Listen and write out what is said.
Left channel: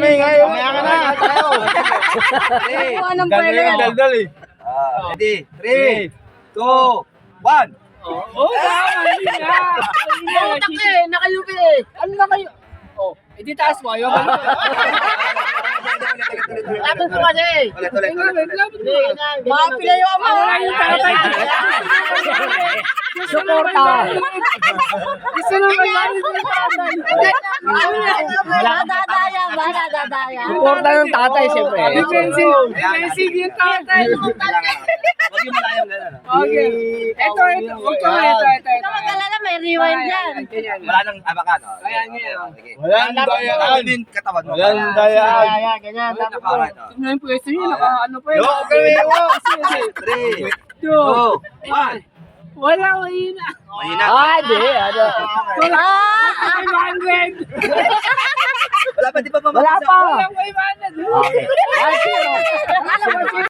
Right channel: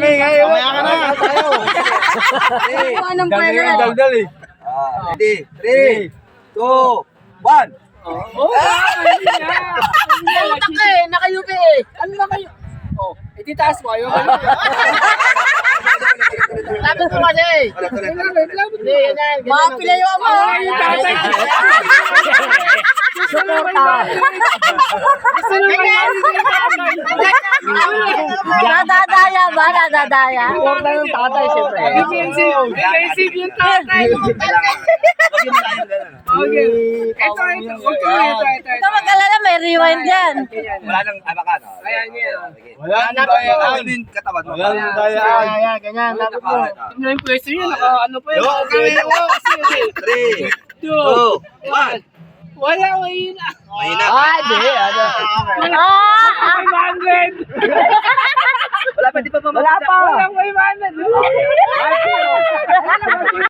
kami ngayon. Mamaya ka na. Anong pwede yan? Daldal eh. Ready? 3, 2, 1. Utak ka eh, nakayupi eh. Ano na kayo? Oh, edi taas mo. Ayaw ka. Lapit mo kasi. Ulit. Hindi, ganyan. Mga pilayo mo. Suporta. Gusto mo ba yan? Nadadaya ba? Nadadaya? Suporta ng tatay, siyempre. Defensive yung tatay. Huwag yung malayo gano'n. Okay. Ito. Ito mag-alala, may rewind yan. Wala nang abakan. Ayan, yan. Wala nang dayaan. Wala din katawan mo. Wala nang dayaan. Ayan, ganyan. Tapos mo. Tingnan yung pwesto niya. Ano pa yun? Okay. 3, 2, 1. Wala, mahina. Mahina. Di. Ano? Wala. 500. Wala pa, di pa Wala pa. Wala, 500.